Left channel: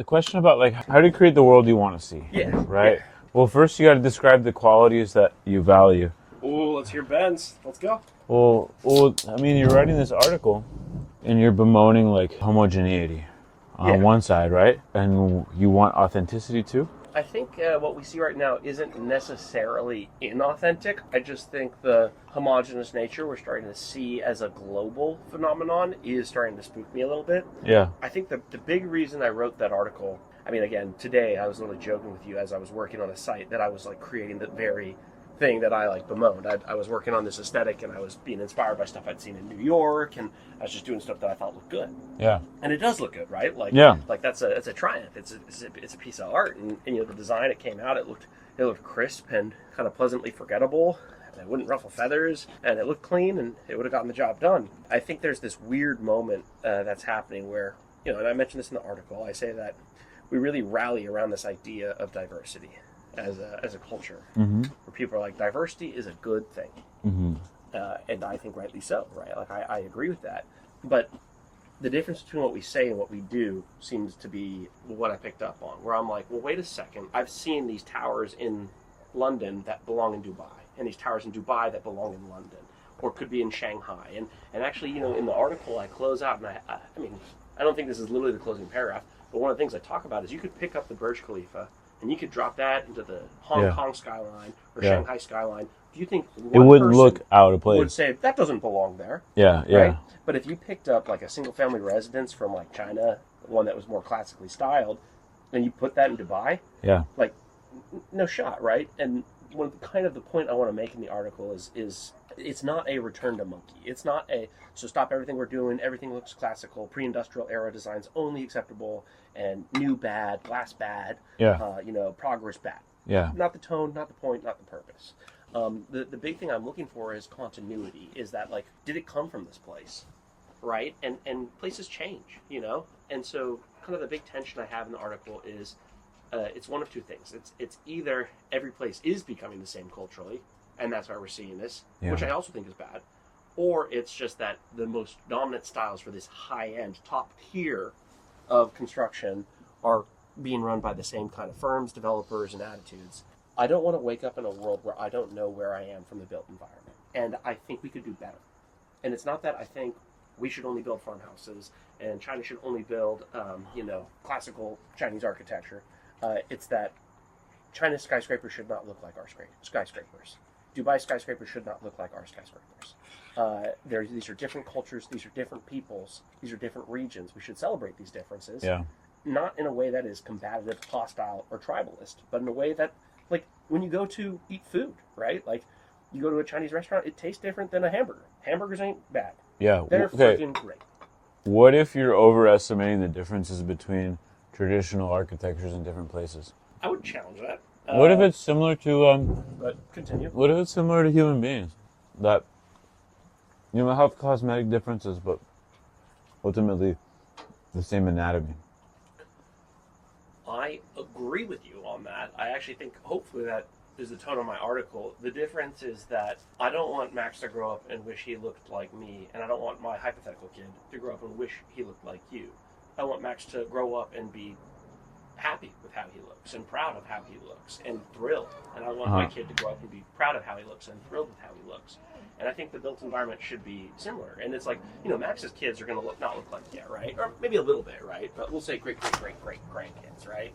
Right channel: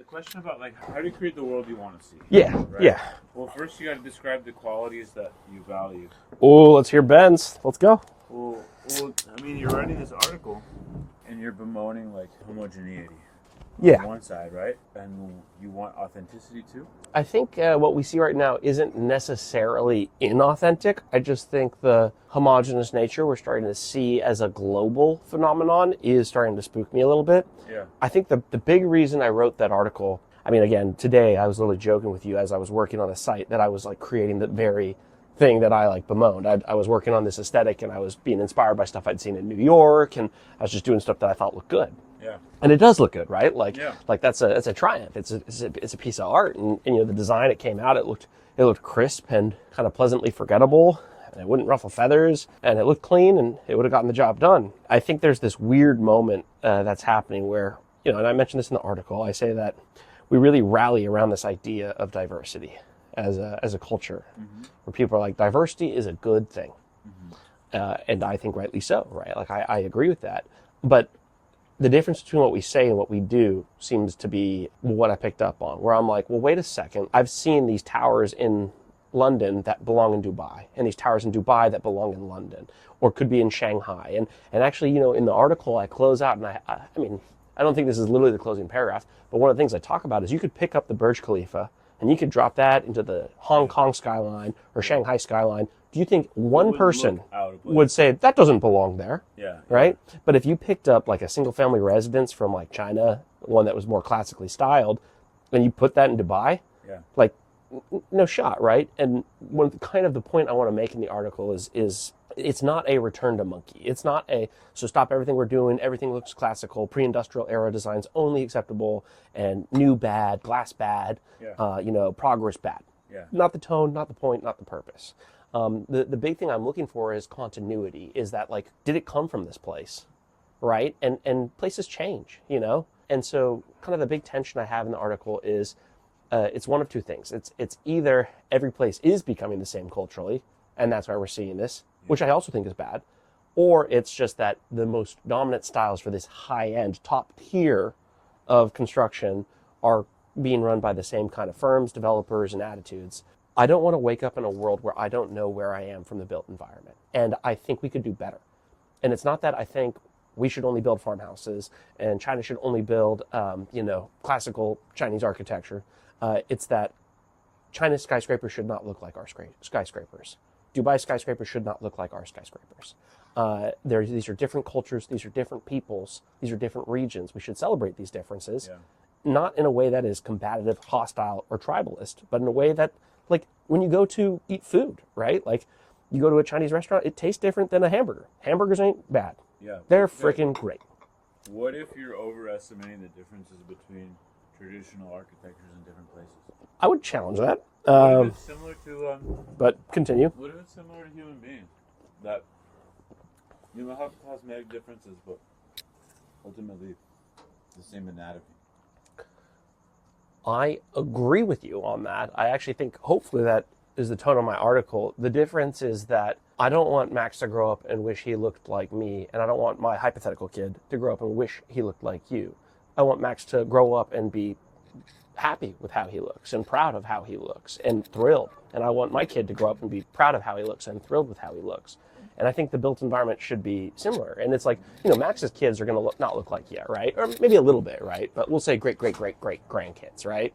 the question about like how do you create the world you want to see? Yeah. Right. Yeah. Well, first you got to describe the qualities that you value. Oh, let's hear Ben's. Let's go. Well, I mean, you're writing this article, and you're bemoaning like homogeneity on one side, right? And you want authenticity too. I think what we see right now isn't necessarily inauthentic. I just think the homogenous nature we're starting to see as a global phenomenon is starting to spook me a little bit. Yeah. I think the big reason I wrote that article, I mean, again, today I was literally joking with you as I was working on a site that I was like creating the very thing that I like bemoaned. I was working on this aesthetic and I was being inspired by stuff I'd seen in New York, and I was just doing stuff that I thought looked good. Yeah. And it does look good, right? Like, yeah. Like it's a triumph. It's a piece of art, and you know the design it came out. It looked crisp and kind of pleasantly forgettable. And it wouldn't ruffle feathers, and it looked clean, and it would have gotten the job done. I think there's this weird moment that's happening where, you know, and I mentioned this in the article. I say that we really rally around this idea of diversity as a culture, where people are like, diversity is a good thing, and I think rightly so, right? Like I agree with that, but the difference between what we say and what we do seems to be what I picked up on, where I'm like, well, wait a second, I've seen these towers in London that belong in Dubai, and these towers in Dubai that belong in London, or could be in Shanghai, and actually, you know, in the article I close out, and I mean, I don't think this is literally the closing paragraph, but one of the things I talk about is you could pick up the Burj Khalifa and you could drop that into the Hong Kong skyline or Shanghai skyline. Do you think one person look out of place. would say that doesn't belong there? Yeah, yeah. Right? But if you picked up like a single family residence from like China, one that was more classically styled, and you put that in Dubai, like no shot, right? And kind of the point I want to make in the article is it's not a return to monkey. It's not a, so stop everything we're doing, everything looks classical, pre-industrial era designs only acceptable, and new bad, glass bad, you know, progress bad. Yeah. Not the tone, not the point, not the purpose. The big thing I'm looking for is continuity, is that like, did it come from this place, right? And places change, you know? And so kind of the big tension I have in the article is it's one of two things. It's either every place is becoming the same culturally, and that's why we're seeing this, which I also think is bad, or it's just that the most dominant styles for this high-end, top tier of construction are being run by the same kind of firms, developers, and attitudes. I don't want to wake up in a world where I don't know where I am from the built environment, and I think we could do better. And it's not that I think we should only build farmhouses and China should only build, you know, classical Chinese architecture. It's that China's skyscrapers should not look like our skyscrapers. Dubai skyscrapers should not look like our skyscrapers. These are different cultures. These are different peoples. These are different regions. We should celebrate these differences. Yeah. Not in a way that is combative, hostile, or tribalist, but in a way that, like, when you go to eat food, right? Like, you go to a Chinese restaurant, it tastes different than a hamburger. Hamburgers ain't bad. Yeah. They're freaking great. What if you're overestimating the differences between traditional architectures in different places? I would challenge that. What if it's similar to But continue. what if it's similar to human beings? That, you know, have cosmetic differences, but ultimately the same anatomy. I agree with you on that. I actually think hopefully that is the tone of my article. The difference is that I don't want Max to grow up and wish he looked like me, and I don't want my hypothetical kid to grow up and wish he looked like you. I want Max to grow up and be happy with how he looks and proud of how he looks and thrilled. And I want my kid to grow up and be proud of how he looks and thrilled with how he looks. And I think the built environment should be similar. And it's like, you know, Max's kids are going to not look like you, right? Or maybe a little bit, right? But we'll say great grandkids, right?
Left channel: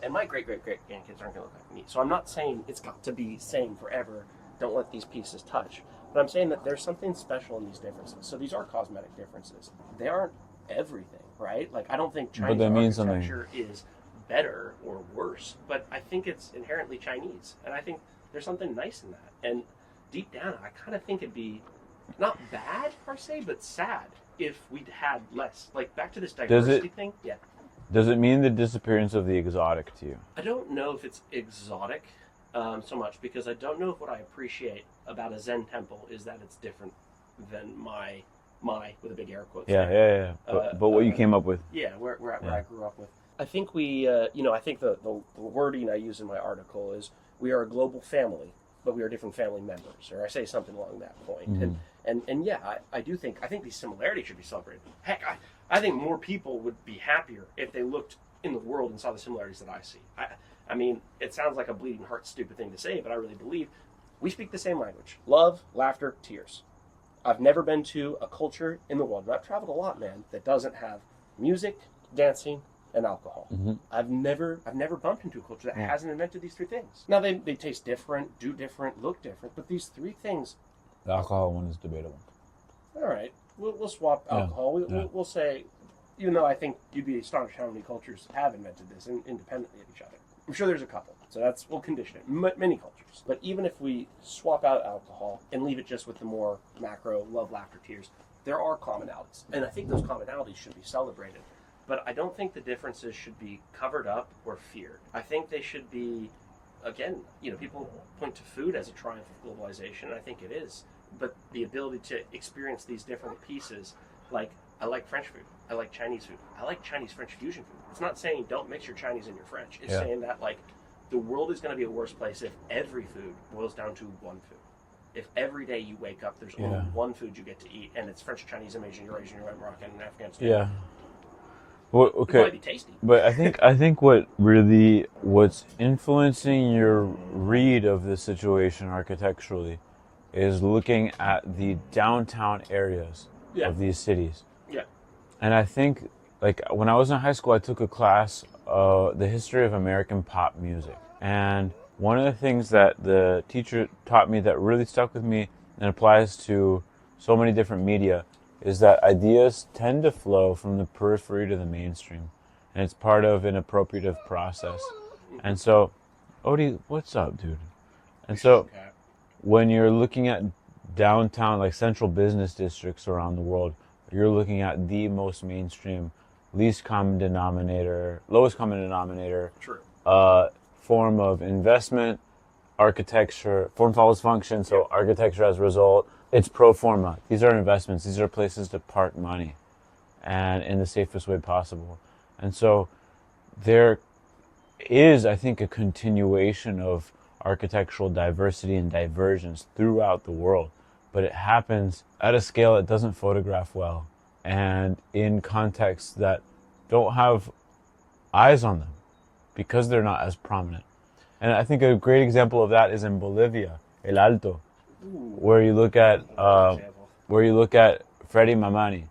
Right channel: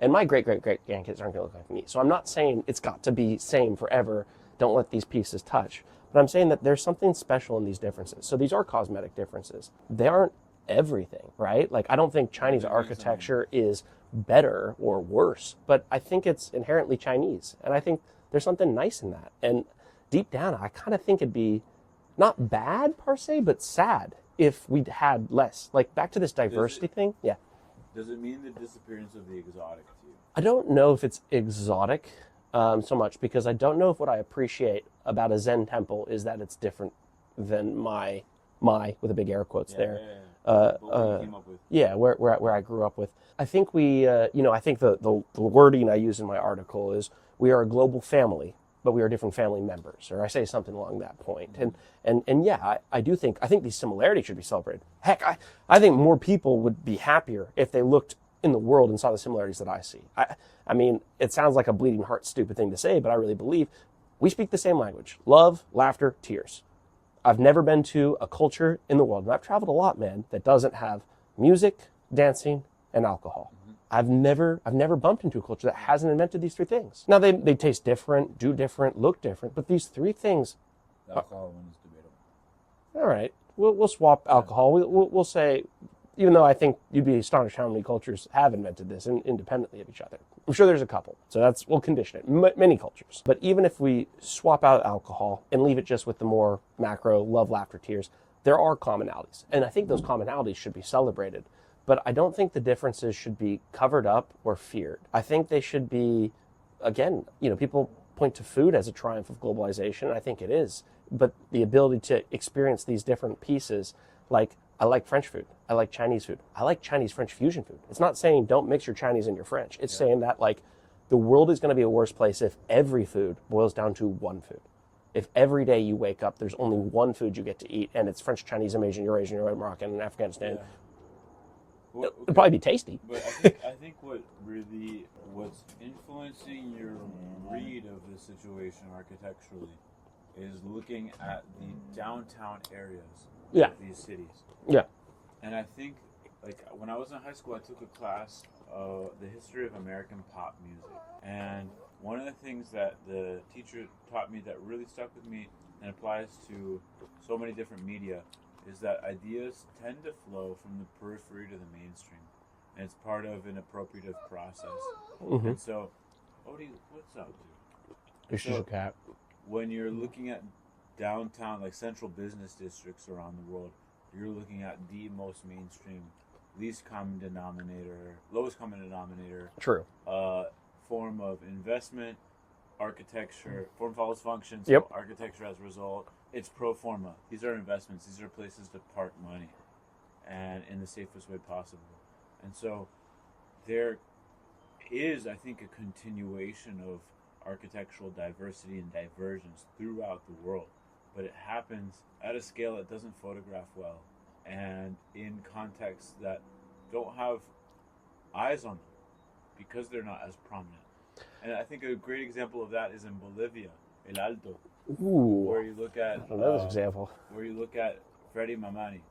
And my great grandkids aren't going to look like me. So I'm not saying it's got to be same forever. Don't let these pieces touch. But I'm saying that there's something special in these differences. So these are cosmetic differences. They aren't everything, right? Like, I don't think Chinese architecture is better or worse, but I think it's inherently Chinese. And I think there's something nice in that. And deep down, I kind of think it'd be not bad per se, but sad if we'd had less. Like, back to this diversity thing. Yeah. Does it mean the disappearance of the exotic to you? I don't know if it's exotic so much, because I don't know if what I appreciate about a Zen temple is that it's different than my with a big air quotes there. Yeah. But what you came up with. Yeah, where I grew up with. I think I think the wording I use in my article is, we are a global family, but we are different family members, or I say something along that point. And yeah, I think these similarities should be celebrated. Heck, I think more people would be happier if they looked in the world and saw the similarities that I see. I mean, it sounds like a bleeding heart stupid thing to say, but I really believe we speak the same language. Love, laughter, tears. I've never been to a culture in the world, and I've traveled a lot, man, that doesn't have music, dancing, and alcohol. Mm-hmm. I've never bumped into a culture that hasn't invented these three things. Now, they taste different, do different, look different, but these three things... The alcohol one is debatable. All right. We'll swap alcohol. We'll say, even though I think you'd be astonished how many cultures have invented this independently of each other. I'm sure there's a couple. So we'll condition it. Many cultures. But even if we swap out alcohol and leave it just with the more macro love, laughter, tears, there are commonalities. And I think those commonalities should be celebrated. But I don't think the differences should be covered up or feared. I think they should be, again, people point to food as a triumph of globalization, and I think it is. But the ability to experience these different pieces, like I like French food, I like Chinese food, I like Chinese French fusion food. It's not saying don't mix your Chinese and your French. It's saying that like the world is going to be a worse place if every food boils down to one food. If every day you wake up, there's only one food you get to eat, and it's French, Chinese, Asian, Eurasian, Moroccan, and Afghanistan. Yeah. Well, okay. It'd probably be tasty. But I think what's influencing your read of the situation architecturally is looking at the downtown areas of these cities. Yeah. And I think, like, when I was in high school, I took a class, the history of American pop music. And one of the things that the teacher taught me that really stuck with me and applies to so many different media is that ideas tend to flow from the periphery to the mainstream. And it's part of an appropriative process. Mm-hmm. And so, Odie, what's up, dude? And so, when you're looking at downtown, like central business districts around the world, you're looking at the most mainstream, lowest common denominator, True. Form of investment, architecture, form follows function, so architecture as a result. It's pro forma. These are investments. These are places to park money and in the safest way possible. And so there is, I think, a continuation of architectural diversity and divergence throughout the world, but it happens at a scale that doesn't photograph well and in contexts that don't have eyes on them because they're not as prominent. And I think a great example of that is in Bolivia, El Alto, where you look at Freddy Mamani,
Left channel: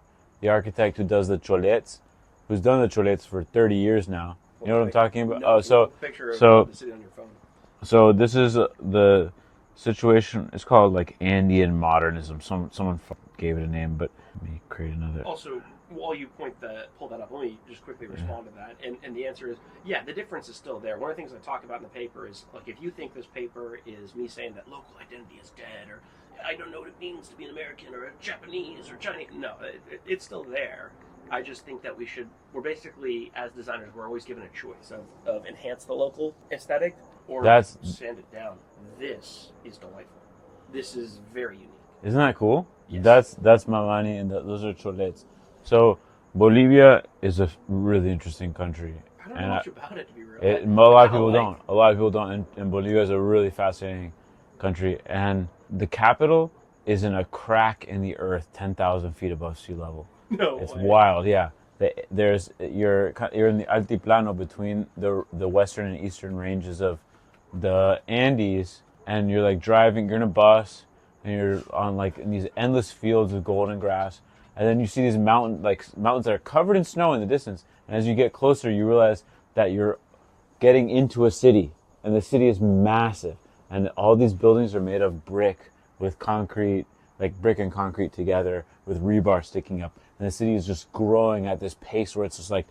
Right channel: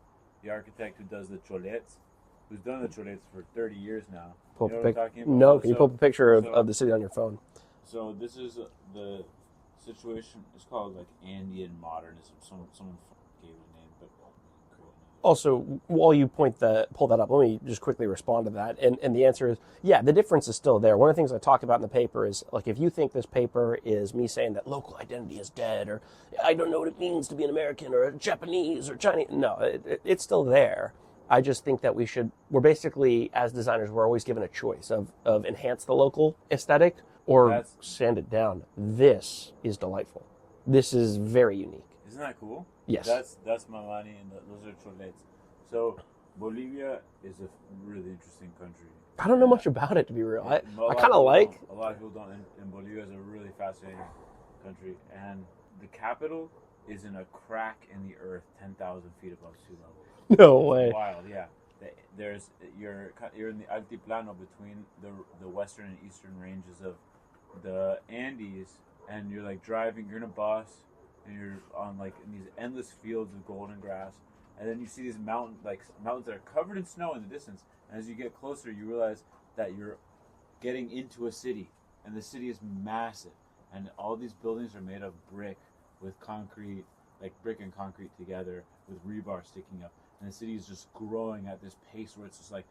the architect who does the cholets, who's done the cholets for 30 years now. You know what I'm talking about? No, you put a picture of the city on your phone. So this is the situation. It's called like Andean modernism. Someone gave it a name, but let me create another. Also, while you pull that up, let me just quickly respond to that. And the answer is, yeah, the difference is still there. One of the things I talk about in the paper is, like, if you think this paper is me saying that local identity is dead, or I don't know what it means to be an American or a Japanese or Chinese, no, it's still there. I just think that we're basically, as designers, we're always given a choice of enhance the local aesthetic or sand it down. This is delightful. This is very unique. Isn't that cool? Yes. That's Mamani, and those are cholets. So Bolivia is a really interesting country. I don't know much about it, to be real. A lot of people don't. And Bolivia is a really fascinating country. And the capital is in a crack in the earth 10,000 feet above sea level. No way. It's wild, yeah. You're in the altiplano between the western and eastern ranges of the Andes, and you're like driving, you're in a bus, and you're on like in these endless fields of golden grass, and then you see these mountains that are covered in snow in the distance, and as you get closer you realize that you're getting into a city, and the city is massive, and all these buildings are made of brick with concrete, like brick and concrete together with rebar sticking up, and the city is just growing at this pace where it's just like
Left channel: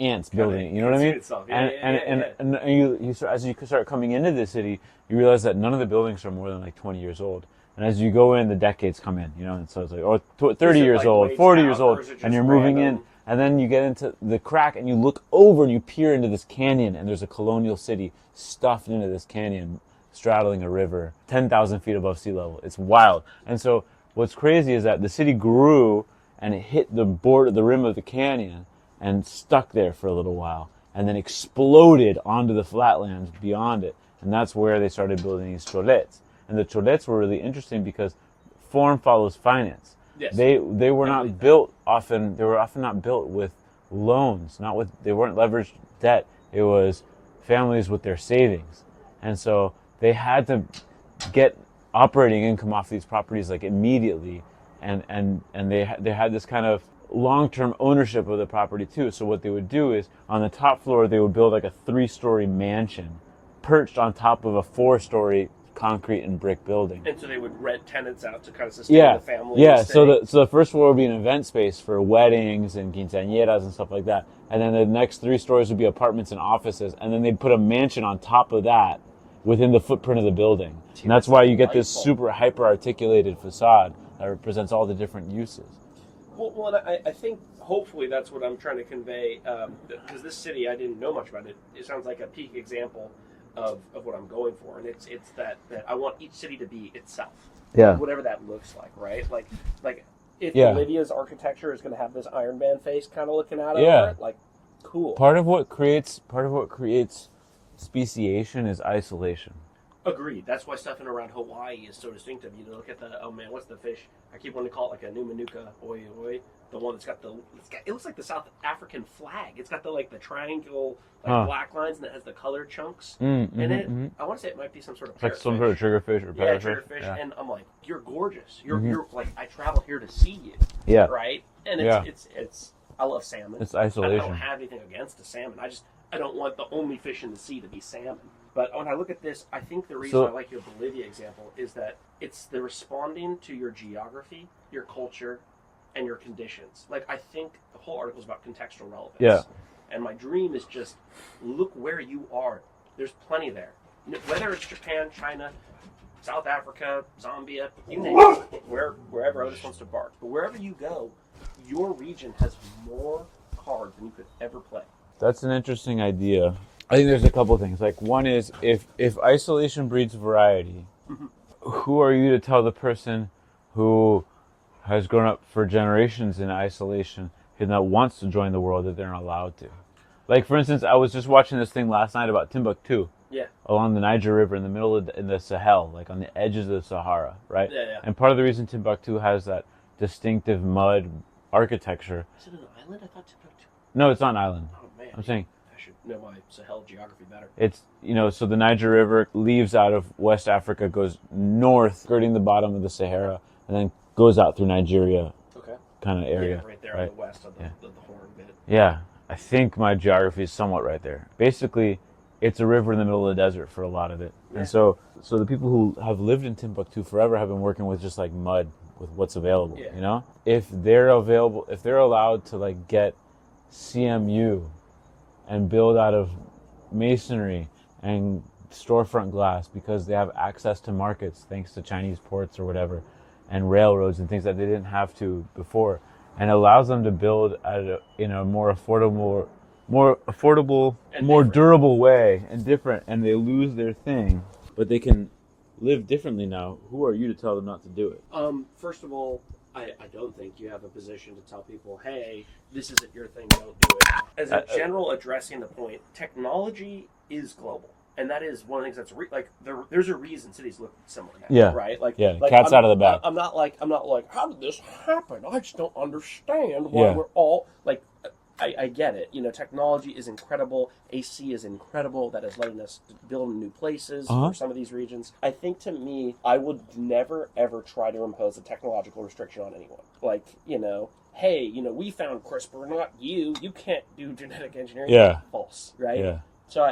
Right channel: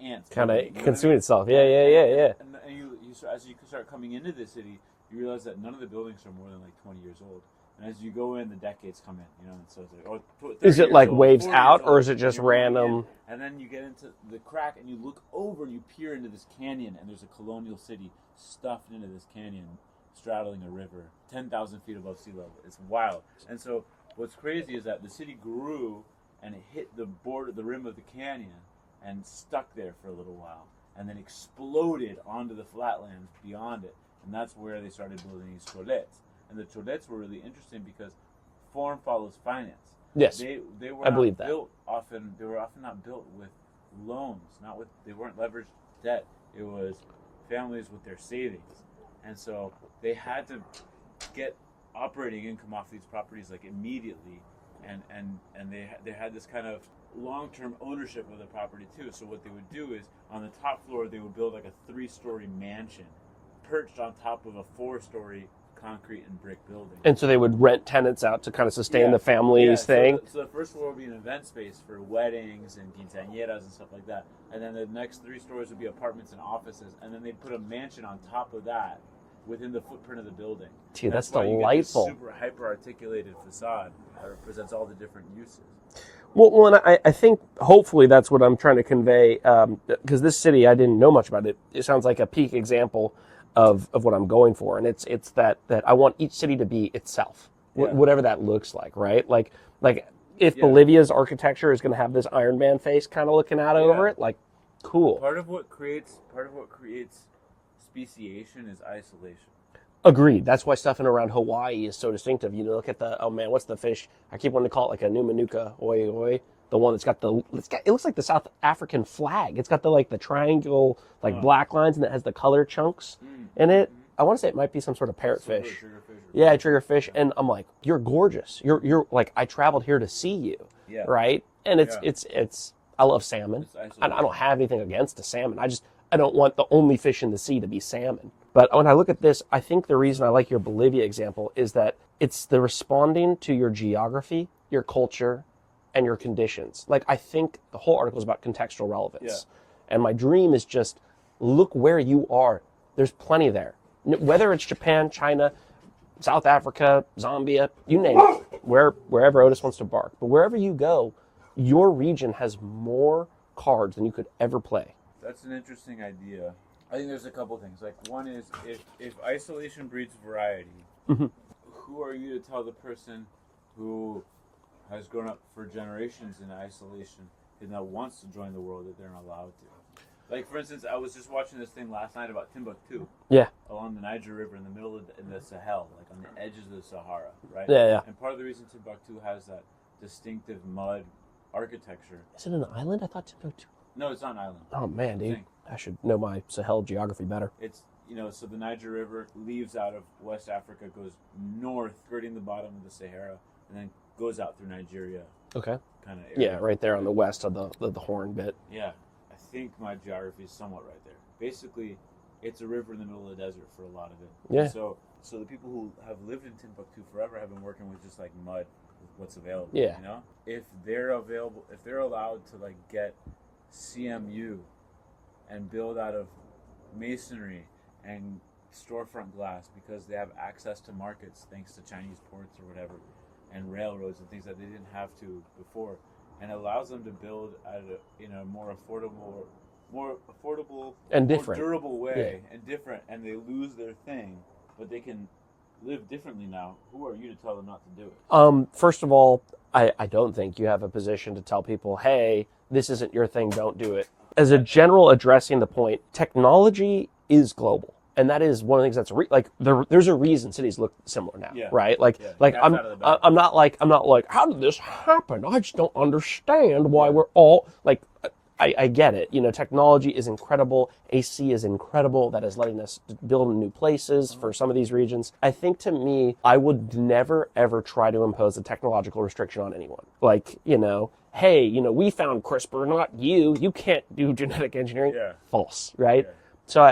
ants building, you know what I mean? Itself. And you start, as you start coming into the city, you realize that none of the buildings are more than like 20 years old. And as you go in, the decades come in, and so it's like, 30 years old, 40 years old, or is it just and you're random? moving in, and then you get into the crack, and you look over and you peer into this canyon, and there's a colonial city stuffed into this canyon, straddling a river, 10,000 feet above sea level. It's wild. And so what's crazy is that the city grew, and it hit the rim of the canyon, and stuck there for a little while, and then exploded onto the flatlands beyond it. And that's where they started building these cholets. And the cholets were really interesting because form follows finance. Yes. They were not built often. They were often not built with loans. They weren't leveraged debt. It was families with their savings. And so they had to get operating income off these properties like immediately. And they had this kind of long-term ownership of the property too. So what they would do is on the top floor, they would build like a 3-story mansion perched on top of a 4-story concrete and brick building. And so they would rent tenants out to kind of sustain the family. Yeah, so the first floor would be an event space for weddings and quinceañeras and stuff like that. And then the next 3 stories would be apartments and offices. And then they'd put a mansion on top of that within the footprint of the building. Dude, and that's why you get this super hyper-articulated facade that represents all the different uses. Well, and I think hopefully that's what I'm trying to convey, because this city, I didn't know much about it. It sounds like a peak example of what I'm going for, and it's that I want each city to be itself, whatever that looks like, right? Like if Bolivia's architecture is going to have this Iron Man face kind of looking out over it, like cool. Part of what creates speciation is isolation. Agreed. That's why stuff in around Hawaii is so distinctive. You look at the, oh man, what's the fish? I keep wanting to call it like a Numanuka oi oi. The one that's got it looks like the South African flag. It's got the triangle, black lines, and it has the color chunks in it. I want to say it might be some sort of parrotfish. Some sort of triggerfish. Triggerfish. Yeah. And I'm like, you're gorgeous. You're like, I traveled here to see you. Yeah. Right? And it's I love salmon. It's isolation. I don't have anything against a salmon. I don't want the only fish in the sea to be salmon. But when I look at this, I think the reason I like your Bolivia example is that it's the responding to your geography, your culture, and your conditions. Like, I think the whole article is about contextual relevance. Yeah. And my dream is just look where you are. There's plenty there. Whether it's Japan, China, South Africa, Zambia, you name it, wherever Otis wants to bark. But wherever you go, your region has more cards than you could ever play. That's an interesting idea. I think there's a couple of things. Like, one is if isolation breeds variety, who are you to tell the person who has grown up for generations in isolation and that wants to join the world that they're not allowed to? Like, for instance, I was just watching this thing last night about Timbuktu. Yeah. Along the Niger River in the middle of in the Sahel, like on the edges of the Sahara, right? Yeah. And part of the reason Timbuktu has that distinctive mud architecture. Is it an island? I thought Timbuktu. No, it's not an island. Oh man, I should know my Sahel geography better. It's, so the Niger River leaves out of West Africa, goes north, skirting the bottom of the Sahara, and then goes out through Nigeria. Okay. Kind of area. Yeah, right there on the west of the Horn bit. Yeah, I think my geography is somewhat right there. Basically, it's a river in the middle of the desert for a lot of it. Yeah. And so the people who have lived in Timbuktu forever have been working with just like mud, with what's available. Yeah. If they're allowed to get CMU and build out of masonry and storefront glass because they have access to markets thanks to Chinese ports or whatever, and railroads and things that they didn't have to before, and allows them to build in a more affordable and more durable way and different, and they lose their thing, but they can live differently now. Who are you to tell them not to do it? First of all, I don't think you have a position to tell people, hey, this isn't your thing, don't do it. As a general addressing the point, technology is global. And that is one of the things that's there's a reason cities look similar now, right? Cat's out of the bag. I'm not like, how did this happen? I just don't understand why we're all I get it. Technology is incredible. AC is incredible. That is letting us build in new places for some of these regions. I think, to me, I would never, ever try to impose a technological restriction on anyone. Hey, we found CRISPR, not you. You can't do genetic engineering. Yeah. False, right? Yeah. So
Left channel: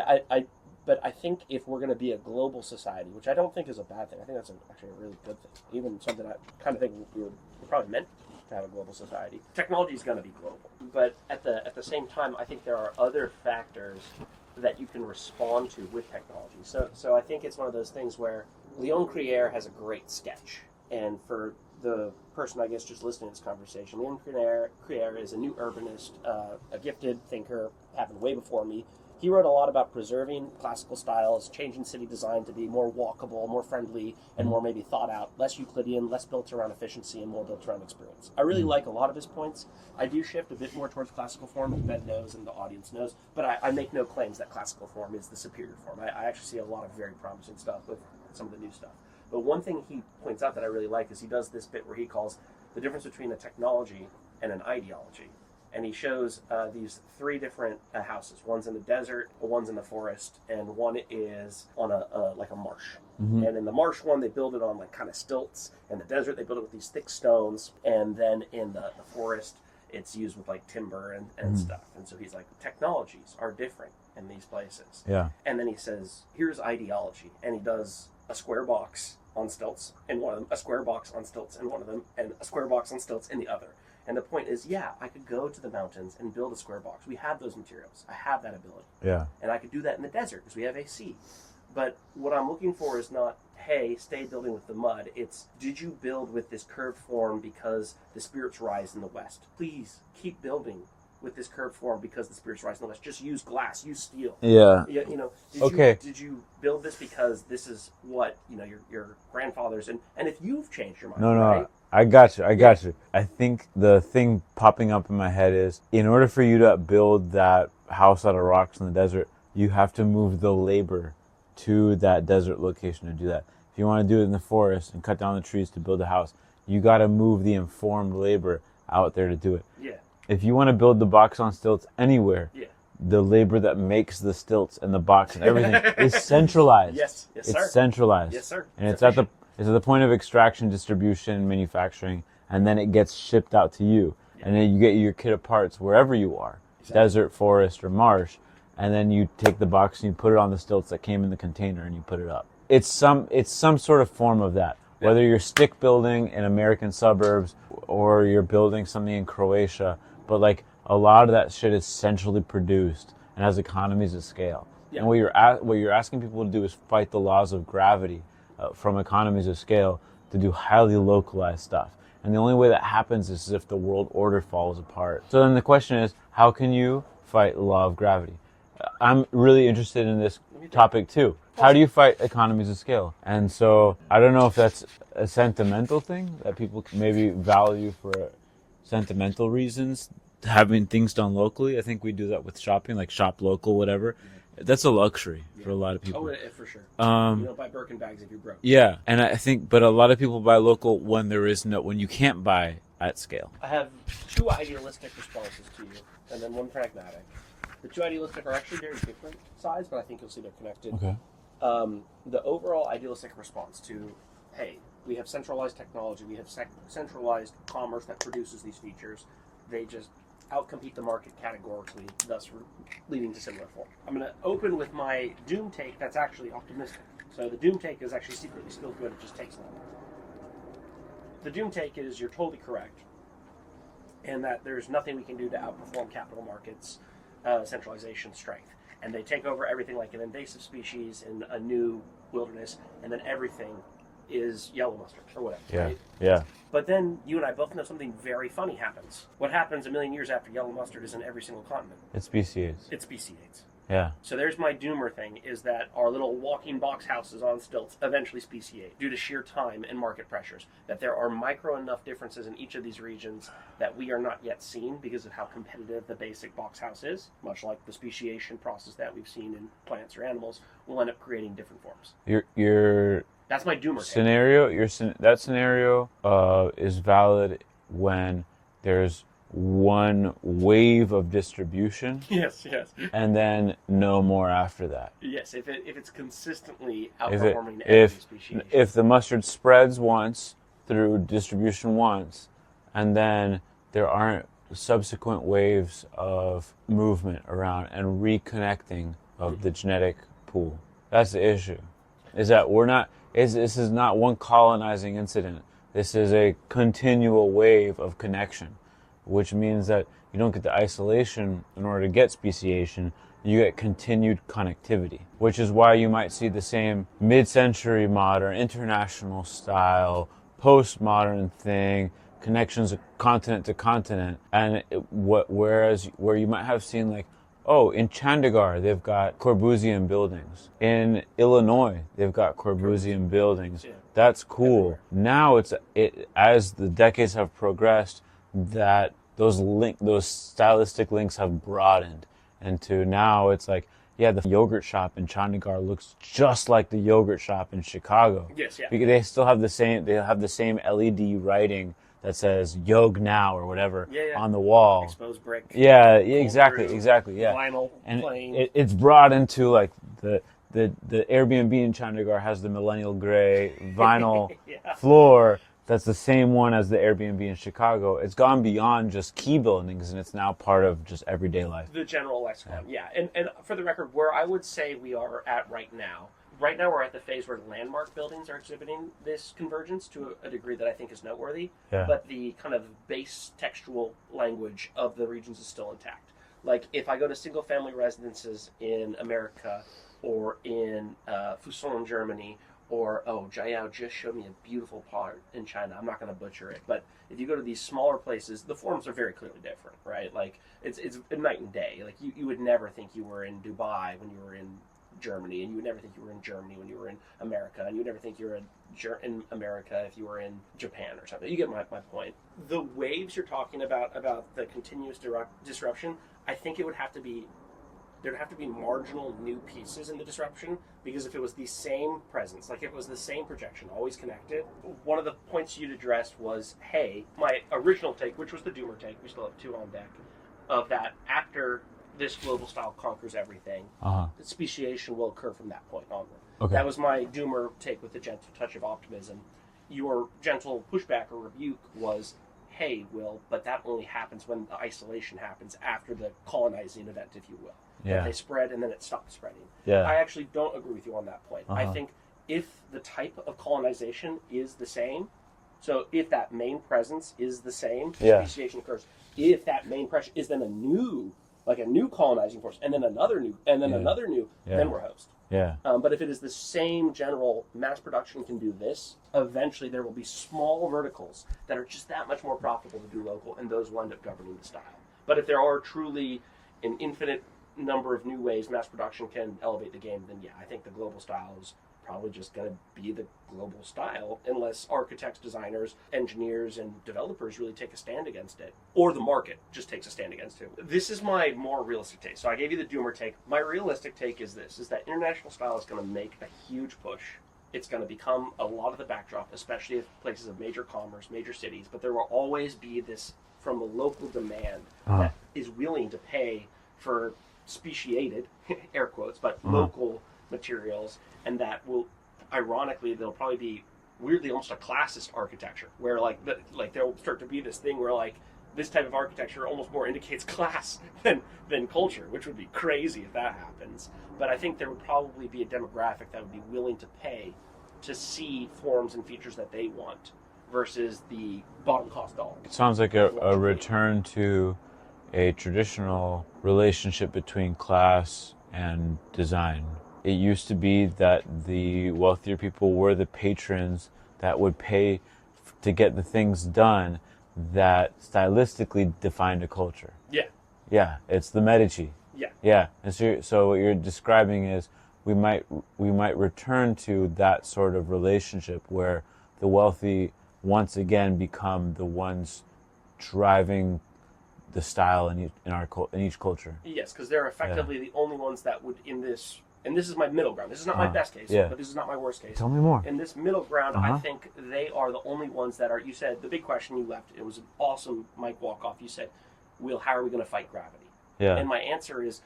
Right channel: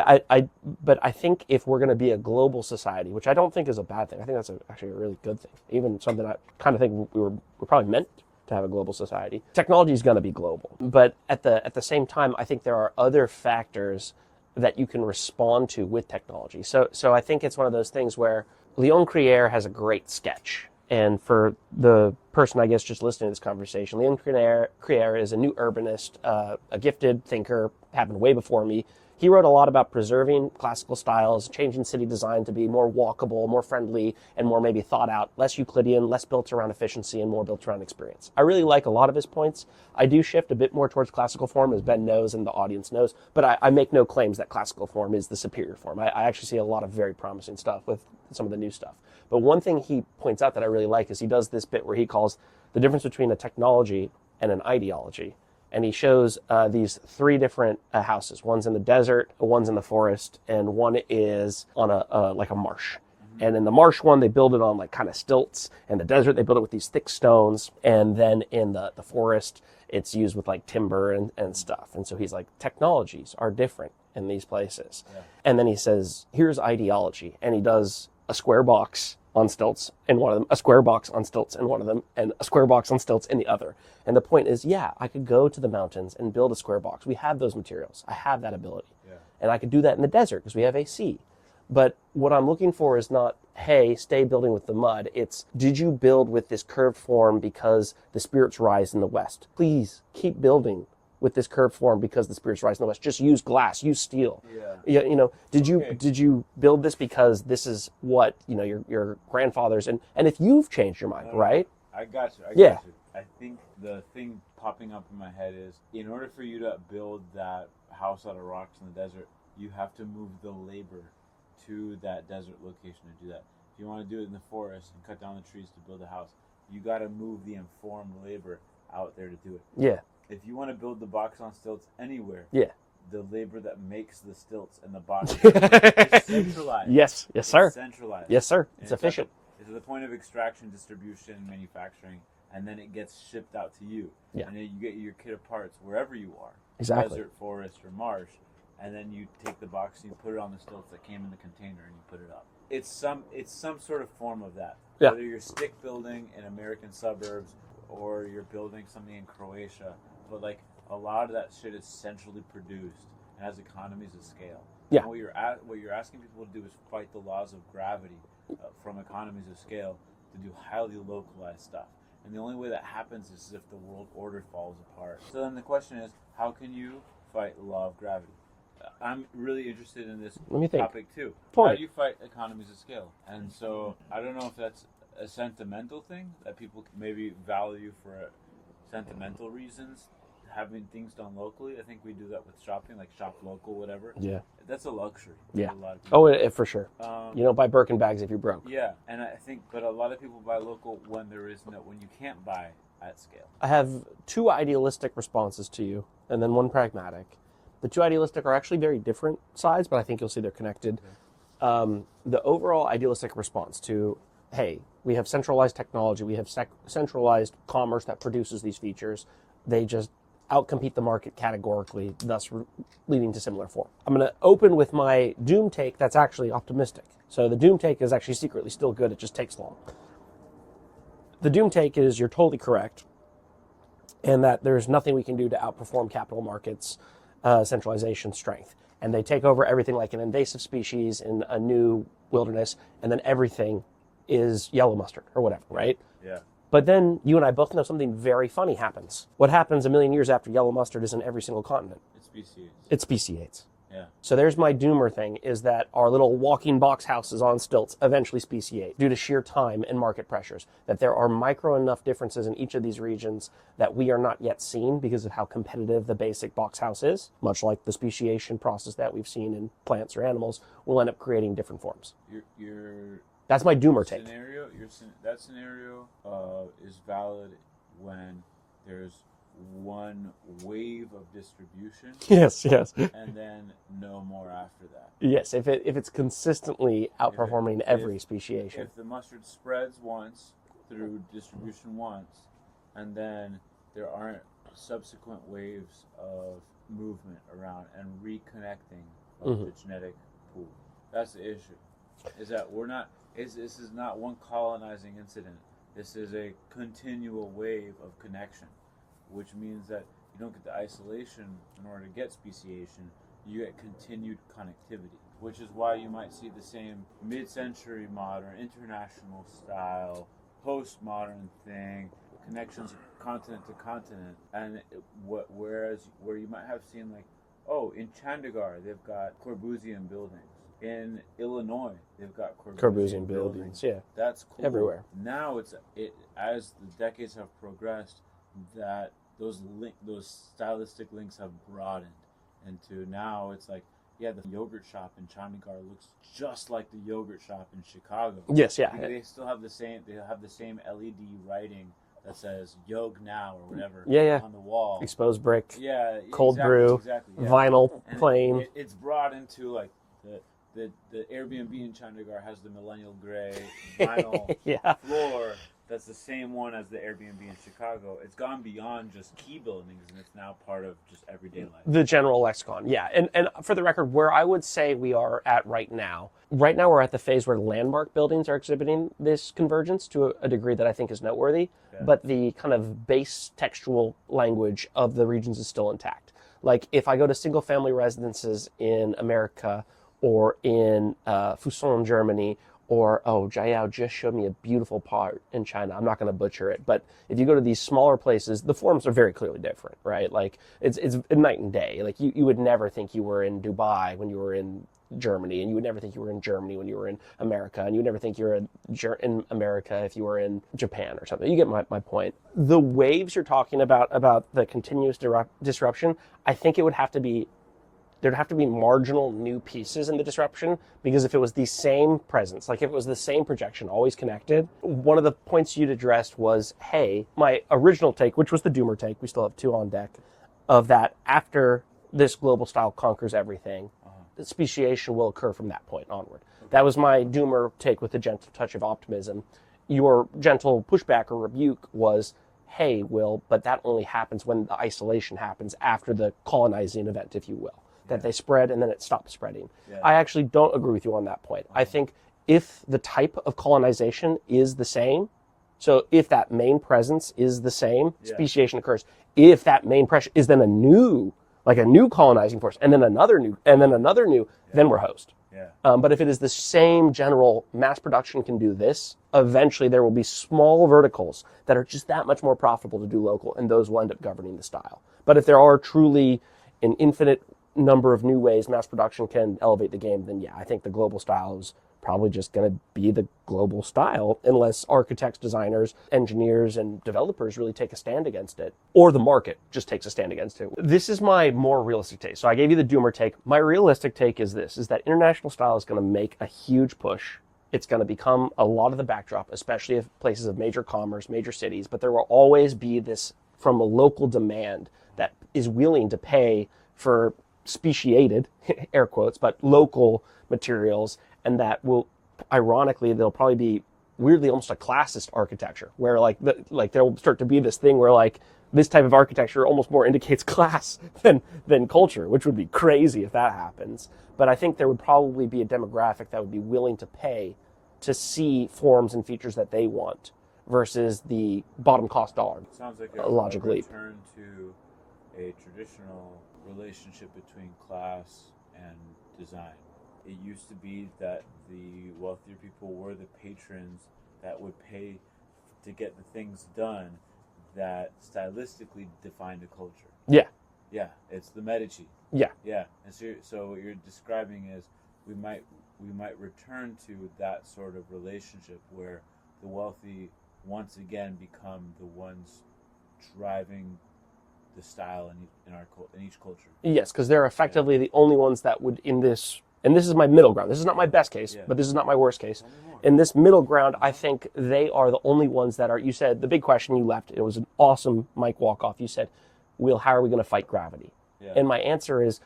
but I think if we're going to be a global society, which I don't think is a bad thing, I think that's actually a really good thing. Even something I kind of think we're probably meant to have a global society. Technology is going to be global, but at the same time, I think there are other factors that you can respond to with technology. So I think it's one of those things where Leon Crier has a great sketch. And for the person, I guess, just listening to this conversation, Leon Crier is a new urbanist, a gifted thinker, happened way before me. He wrote a lot about preserving classical styles, changing city design to be more walkable, more friendly, and more maybe thought out, less Euclidean, less built around efficiency, and more built around experience. I really like a lot of his points. I do shift a bit more towards classical form, as Ben knows and the audience knows, but I make no claims that classical form is the superior form. I actually see a lot of very promising stuff with some of the new stuff. But one thing he points out that I really like is he does this bit where he calls the difference between a technology and an ideology. and he shows these 3 different houses. One's in the desert, one's in the forest, and one is on a like a marsh. And in the marsh one, they build it on like kind of stilts. In the desert, they build it with these thick stones. And then in the forest, it's used with like timber and stuff. And so he's like, technologies are different in these places. Yeah. And then he says, here's ideology. And he does a square box on stilts in one of them, a square box on stilts in one of them, and a square box on stilts in the other. And the point is, yeah, I could go to the mountains and build a square box. We have those materials. I have that ability. Yeah. And I could do that in the desert because we have AC. But what I'm looking for is not, hey, stay building with the mud. It's, did you build with this curved form because the spirits rise in the west? Please keep building with this curved form because the spirits rise in the west. Just use glass, use steel. Yeah. You know, did you build this because this is what, you know, your grandfathers, and if you've changed your mind, right? I got you. I got you. I think the thing popping up in my head is, in order for you to build that house out of rocks in the desert, you have to move the labor to that desert location to do that. If you want to do it in the forest and cut down the trees to build a house, you got to move the informed labor out there to do it. Yeah. If you want to build the box on stilts anywhere, Yeah. the labor that makes the stilts and the box and everything is centralized. Yes, sir. It's centralized. Yes, sir. And it's at the point of extraction, distribution, manufacturing, and then it gets shipped out to you. Yeah. And then you get your kit of parts wherever you are, desert, forest, or marsh, and then you take the box and you put it on the stilts that came in the container and you put it up. It's some sort of form of that. Yeah. Whether you're stick building in American suburbs or you're building something in Croatia, but like a lot of that shit is centrally produced and has economies of scale. Yeah. And what you're asking people to do is fight the laws of gravity from economies of scale to do highly localized stuff. And the only way that happens is if the world order falls apart. So then the question is, how can you fight the law of gravity? I'm really interested in this topic too. How do you fight economies of scale? And so I don't know if that's a sentimental thing that people maybe value for sentimental reasons, having things done locally. I think we do that with shopping, like shop local, whatever. Yeah. That's a luxury for a lot of people. Oh, for sure. You don't buy Birkin bags if you're broke. Yeah. And I think, but a lot of people buy local when when you can't buy at scale. I have 2 idealistic responses to you and then 1 pragmatic. The 2 idealistic are actually very different sides, but I think you'll see they're connected. Okay. The overall idealistic response to, hey, we have centralized technology, we have centralized commerce that produces these features. They just outcompete the market categorically, thus leading to similar form. I'm going to open with my doom take that's actually optimistic. So the doom take is actually secretly still good, it just takes long. The doom take is you're totally correct, and that there's nothing we can do to outperform capital markets' centralization strength. And they take over everything like an invasive species in a new wilderness, and then everything is yellow mustard or whatever, right? Yeah. But then you and I both know something very funny happens. What happens a million years after yellow mustard is in every single continent? It's speciates. It speciates. Yeah. So there's my doomer thing, is that our little walking box houses on stilts eventually speciate due to sheer time and market pressures. That there are micro enough differences in each of these regions that we are not yet seeing because of how competitive the basic box house is. Much like the speciation process that we've seen in plants or animals will end up creating different forms. That's my doomer take. That scenario is valid when there's one wave of distribution. Yes. And then no more after that. Yes, if it's consistently outperforming every speciation. If the mustard spreads once through distribution once, and then there aren't subsequent waves of movement around and reconnecting of the genetic pool. That's the issue. Is that this is not one colonizing incident. This is a continual wave of connection, which means that you don't get the isolation in order to get speciation. You get continued connectivity, which is why you might see the same mid-century modern, international style, postmodern thing, connections of continent to continent, and whereas you might have seen like, oh, in Chandigarh, they've got Corbusian buildings. In Illinois, they've got Corbusian buildings. Yeah. That's cool. Everywhere. Now as the decades have progressed, that those stylistic links have broadened into now it's like, yeah, the yogurt shop in Chandigarh looks just like the yogurt shop in Chicago. Yes, yeah. Because they still have the same LED writing that says "Yog Now" or whatever Yeah. on the wall. Exposed brick. Yeah, Cold brew, exactly. Yeah. Vinyl And plane. it's brought into like the Airbnb in Chandigarh has the millennial gray vinyl Yeah. floor. That's the same one as the Airbnb in Chicago. It's gone beyond just key buildings, and it's now part of just everyday life. The general lexicon, yeah. And for the record, where I would say we are at right now we're at the phase where landmark buildings are exhibiting this convergence to a degree that I think is noteworthy. Yeah. But the kind of base textual language of the regions is still intact. Like if I go to single family residences in America or in Fuson, Germany, or, Jiao just showed me a beautiful part in China. I'm not going to butcher it. But if you go to these smaller places, the forms are very clearly different, right? Like, it's night and day. Like, you would never think you were in Dubai when you were in Germany, and you would never think you were in Germany when you were in America, and you would never think you were in America if you were in Japan or something. You get my point. The waves you're talking about the continuous disruption, I think it would have to be there'd have to be marginal new pieces in the disruption, because if it was the same presence, like if it was the same projection, always connected, one of the points you'd addressed was, hey, my original take, which was the Doomer take, we still have 2 on deck, of that after this global style conquers everything, speciation will occur from that point onward. Okay. That was my Doomer take with a gentle touch of optimism. Your gentle pushback or rebuke was, hey, Will, but that only happens when the isolation happens after the colonizing event, if you will. That they spread and then it stops spreading. Yeah. I actually don't agree with you on that point. I think if the type of colonization is the same, so if that main presence is the same, speciation occurs. If that main pressure is then a new colonizing force, and then another new, and then another new, then we're host. Yeah. But if it is the same general mass production can do this, eventually there will be small verticals that are just that much more profitable to do local, and those will end up governing the style. But if there are truly an infinite number of new ways mass production can elevate the game, then I think the global style is probably just going to be the global style unless architects, designers, engineers, and developers really take a stand against it, or the market just takes a stand against it. This is my more realistic take. So I gave you the Doomer take. My realistic take is this, is that international style is going to make a huge push. It's going to become a lot of the backdrop, especially if places of major commerce, major cities, but there will always be this from a local demand that is willing to pay for speciated, air quotes, but local materials, and that will, ironically, there'll probably be weirdly almost a classist architecture, where there'll start to be this thing where like this type of architecture almost more indicates class than culture, which would be crazy if that happens. But I think there would probably be a demographic that would be willing to pay to see forms and features that they want versus the bottom cost dollar. It sounds like a return to a traditional relationship between class and design. It used to be that the wealthier people were the patrons that would pay to get the things done that stylistically defined a culture. Yeah. Yeah, it's the Medici. Yeah. Yeah. And so what you're describing is we might return to that sort of relationship where the wealthy once again become the ones driving the style in each culture. Yes, because they're effectively the only ones that would, in this, and this is my middle ground. This is not my best case, but this is not my worst case. Tell me more. In this middle ground, I think they are the only ones that are, you said, the big question you left, it was an awesome mic walk-off. You said, Will, how are we going to fight gravity? Yeah. And my answer is,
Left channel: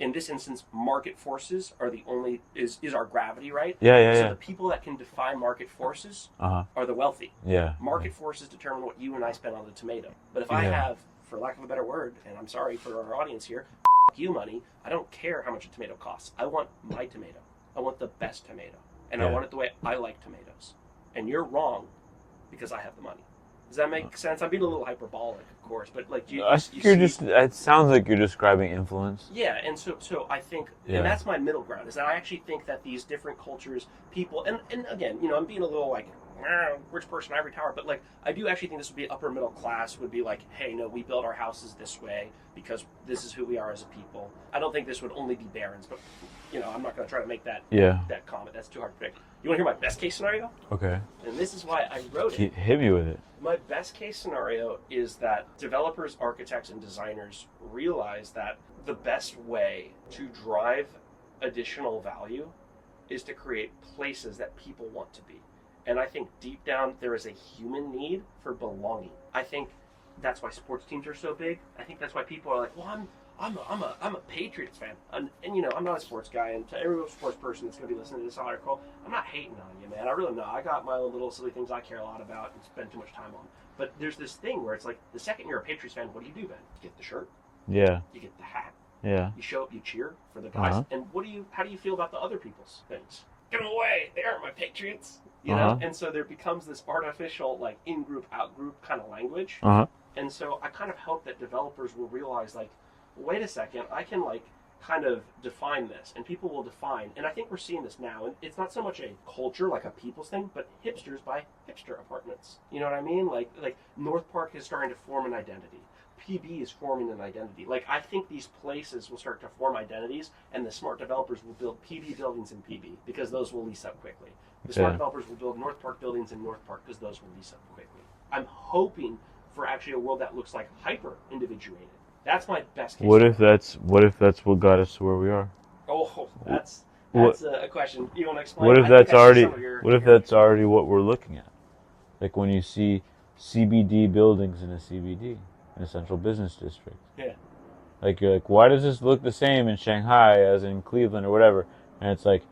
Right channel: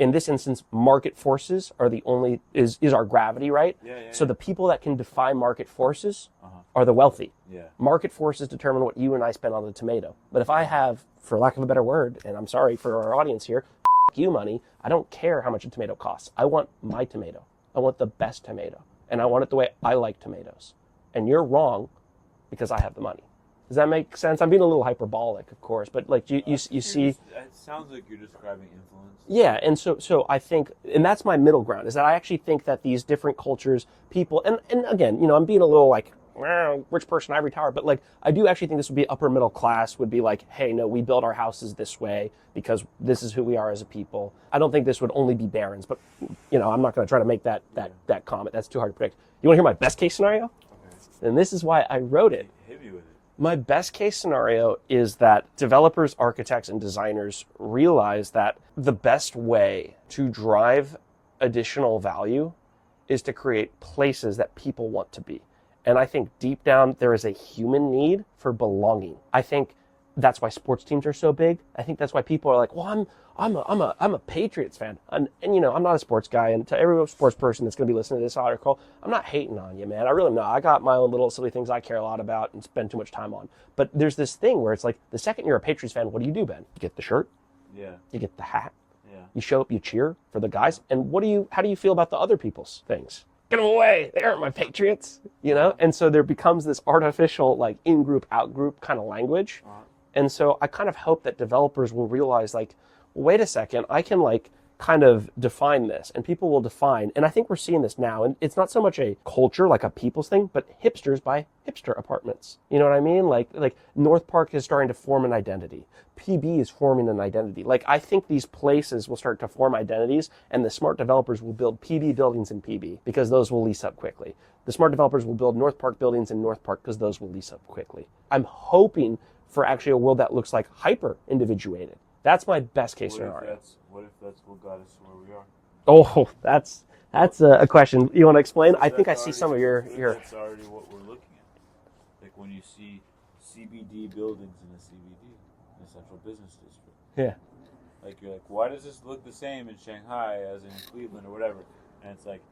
in this instance, market forces are the only, is our gravity, right? So the people that can defy market forces are the wealthy. Yeah. Market forces determine what you and I spend on the tomato. But if I have, for lack of a better word, and I'm sorry for our audience here, you money, I don't care how much a tomato costs. I want my tomato. I want the best tomato. And I want it the way I like tomatoes. And you're wrong because I have the money. Does that make sense? I'm being a little hyperbolic, of course, but like you see, it sounds like you're describing influence. Yeah, and so I think, and that's my middle ground, is that I actually think that these different cultures, people, and again, I'm being a little like rich person ivory tower, but like I do actually think this would be upper middle class, would be like, hey, no, we build our houses this way because this is who we are as a people. I don't think this would only be barons, but I'm not going to try to make that comment. That's too hard to predict. You want to hear my best case scenario? Okay. And this is why I wrote it. Hit me with it. My best case scenario is that developers, architects, and designers realize that the best way to drive additional value is to create places that people want to be. And I think deep down there is a human need for belonging. I think that's why sports teams are so big. I think that's why people are like, well, I'm a Patriots fan, and you know, I'm not a sports guy. And to every sports person that's going to be listening to this article, I'm not hating on you, man. I really not. I got my own little silly things I care a lot about and spend too much time on. But there's this thing where it's like the second you're a Patriots fan, what do, Ben? You get the shirt, Yeah. you get the hat, Yeah. you show up, you cheer for the guys, Uh-huh. and how do you feel about the other people's things? Get them away! They aren't my Patriots, you know. And so there becomes this artificial like in-group, out-group kind of language. And so I kind of hope that developers will realize like, wait a second, I can like kind of define this, and people will define. And I think we're seeing this now, and it's not so much a culture, like a people's thing, but hipsters buy hipster apartments. You know what I mean? Like North Park is starting to form an identity. PB is forming an identity. Like, I think these places will start to form identities, and the smart developers will build PB buildings in PB because those will lease up quickly. The smart developers will build North Park buildings in North Park because those will lease up quickly. I'm hoping for actually a world that looks like hyper individuated. That's my best case What scenario. if that's what got us to where we are? Oh, that's a question. You want to explain? What if I that's think I see already some of your, what if that's already what we're looking at? Like when you see CBD buildings in a CBD, in a central business district. Yeah. Like you're like, why does this look the same in Shanghai as in Cleveland or whatever? And it's like,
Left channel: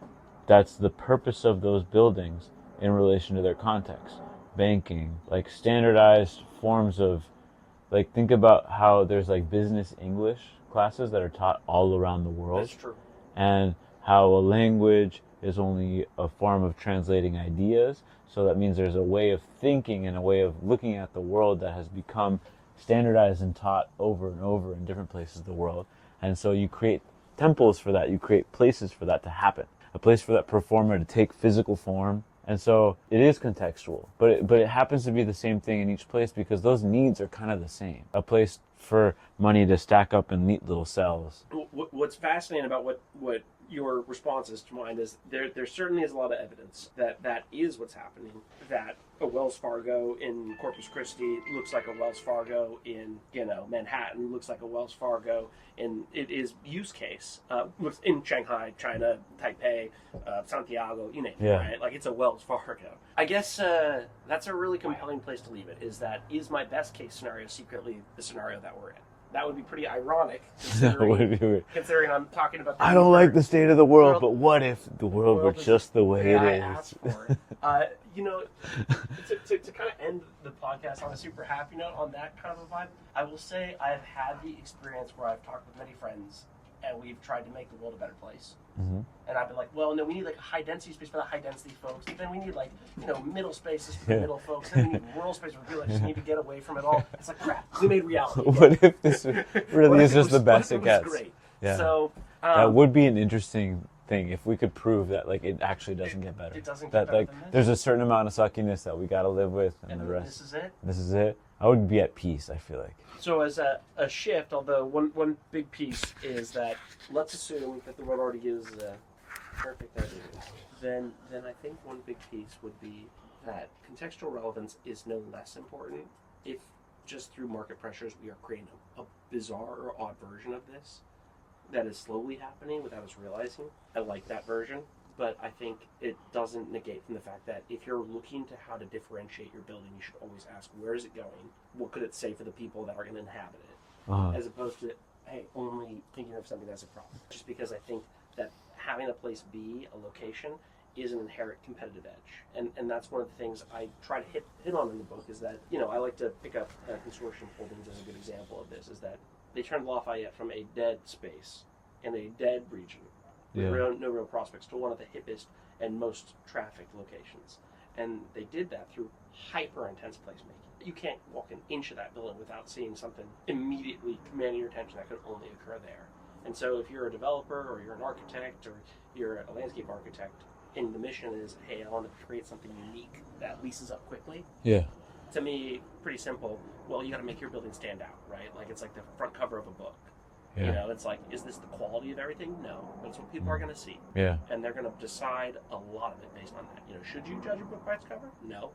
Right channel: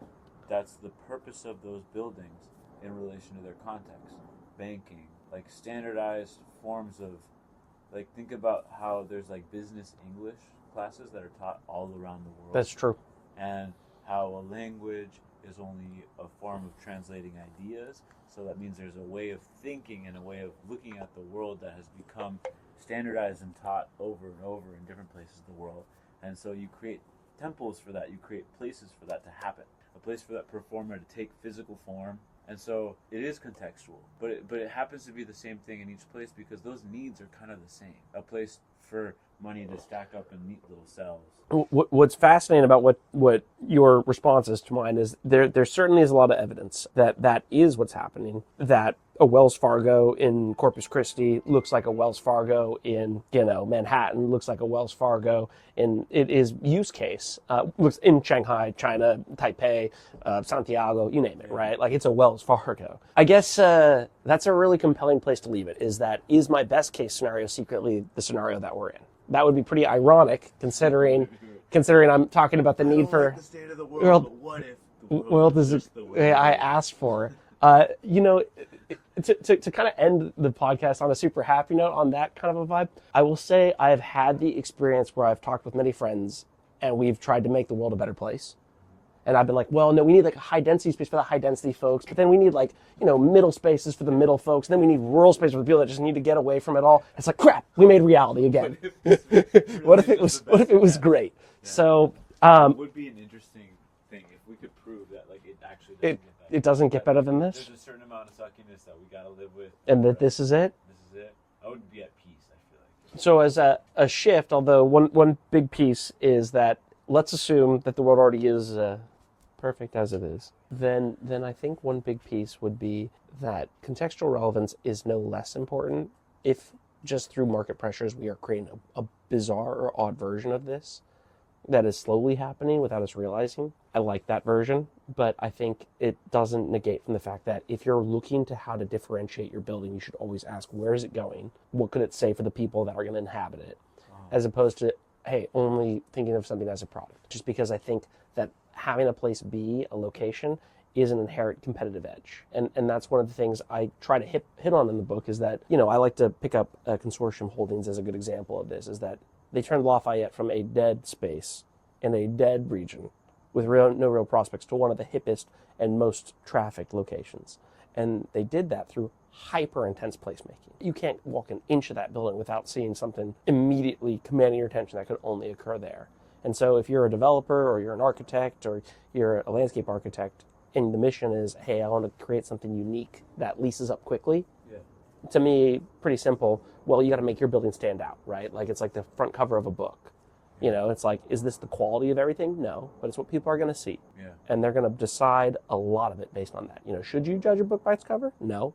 that's the purpose of those buildings in relation to their context. Banking, like standardized forms of, like think about how there's like business English classes that are taught all around the world. That's true. And how a language is only a form of translating ideas. So that means there's a way of thinking and a way of looking at the world that has become standardized and taught over and over in different places of the world. And so you create temples for that. You create places for that to happen. A place for that performer to take physical form. And so it is contextual, but it happens to be the same thing in each place because those needs are kind of the same. A place for money to stack up in neat little cells. What's fascinating about what your response is to mine is there certainly is a lot of evidence that is what's happening, that a Wells Fargo in Corpus Christi looks like a Wells Fargo in, you know, Manhattan, looks like a Wells Fargo in, it is use case, looks in Shanghai, China, Taipei, Santiago, you name it, right? Like it's a Wells Fargo. I guess that's a really compelling place to leave it, is my best case scenario secretly the scenario that we're in. That would be pretty ironic, considering I'm talking about the need I don't for, like the state of the world, but what if the world was just the way I asked for? You know, to kind of end the podcast on a super happy note, on that kind of a vibe, I will say I have had the experience where I've talked with many friends, and we've tried to make the world a better place. And I've been like, well, no, we need like a high density space for the high density folks, but then we need like, you know, middle spaces for the middle folks. Then we need rural space for the people that just need to get away from it all. It's like, crap, we made reality again. What if this really is just the best? What if it was great? Yeah. So that would be an interesting thing if we could prove that like it actually doesn't get better. It doesn't get better than this. There's a certain amount of suckiness that we got to live with, and that this is it. This is it. I would be at peace. I feel like. So as a shift, although one big piece is that let's assume that the world already is perfect as it is. Then I think one big piece would be that contextual relevance is no less important if just through market pressures we are creating a bizarre or odd version of this that is slowly happening without us realizing. I like that version, but I think it doesn't negate from the fact that if you're looking to how to differentiate your building, you should always ask, where is it going? What could it say for the people that are going to inhabit it? As opposed to, hey, only thinking of something as a problem. Just because I think that having a place be a location is an inherent competitive edge. And that's one of the things I try to hit on in the book is that, you know, I like to pick up Consortium Holdings as a good example of this, is that they turned Lafayette from a dead space in a dead region with no real prospects to one of the hippest and most trafficked locations. And they did that through hyper intense placemaking. You can't walk an inch of that building without seeing something immediately commanding your attention that could only occur there. And so if you're a developer or you're an architect or you're a landscape architect and the mission is, hey, I want to create something unique that leases up quickly. Yeah. To me, pretty simple. Well, you got to make your building stand out, right? Like it's like the front cover of a book. Yeah. You know, it's like, is this the quality of everything? No, but it's what people are going to see. Yeah. And they're going to decide a lot of it based on that. You know, should you judge a book by its cover? No.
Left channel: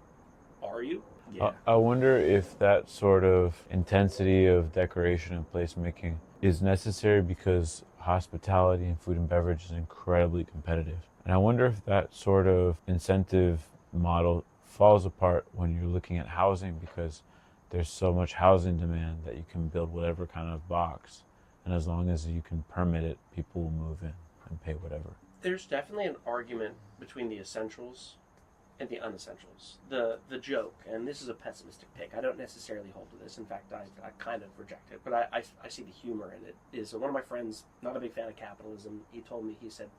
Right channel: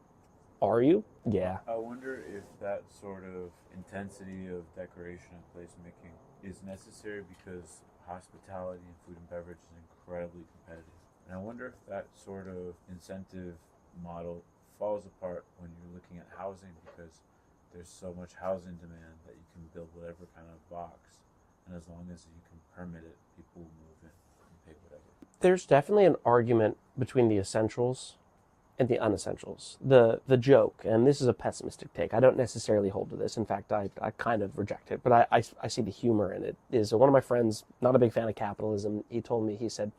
Are you? Yeah. I wonder if that sort of intensity of decoration and placemaking is necessary because hospitality and food and beverage is incredibly competitive. And I wonder if that sort of incentive model falls apart when you're looking at housing, because there's so much housing demand that you can build whatever kind of box. And as long as you can permit it, people will move in and pay whatever. There's definitely an argument between the essentials and the unessentials. The joke, and this is a pessimistic take, I don't necessarily hold to this. In fact, I kind of reject it, but I see the humor in it. Is one of my friends, not a big fan of capitalism, he told me, he said,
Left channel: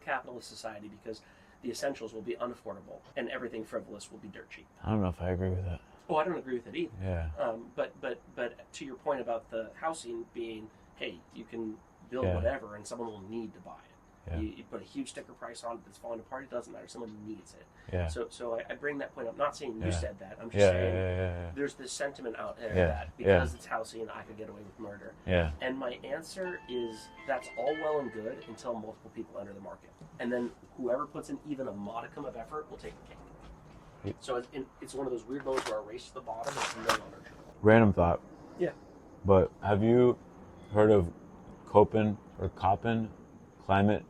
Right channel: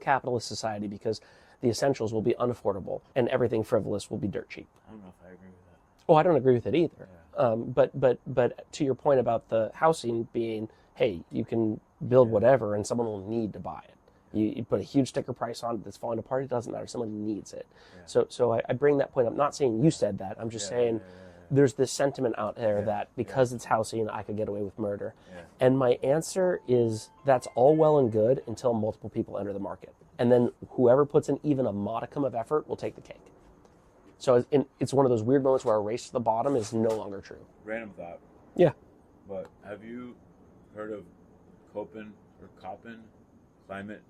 capitalist society because the essentials will be unaffordable and everything frivolous will be dirt cheap. I don't know if I agree with that. Oh, I don't agree with it either. Yeah. But to your point about the housing being, hey, you can build whatever and someone will need to buy it. Yeah. You put a huge sticker price on it that's falling apart, it doesn't matter. Someone needs it. Yeah. So I bring that point up. Not saying you said that. I'm just saying there's this sentiment out there that because it's housing, I could get away with murder. Yeah. And my answer is that's all well and good until multiple people enter the market. And then whoever puts in even a modicum of effort will take the cake. So it's one of those weird moments where a race to the bottom is no longer true. Random thought. Yeah. But have you heard of Köppen climate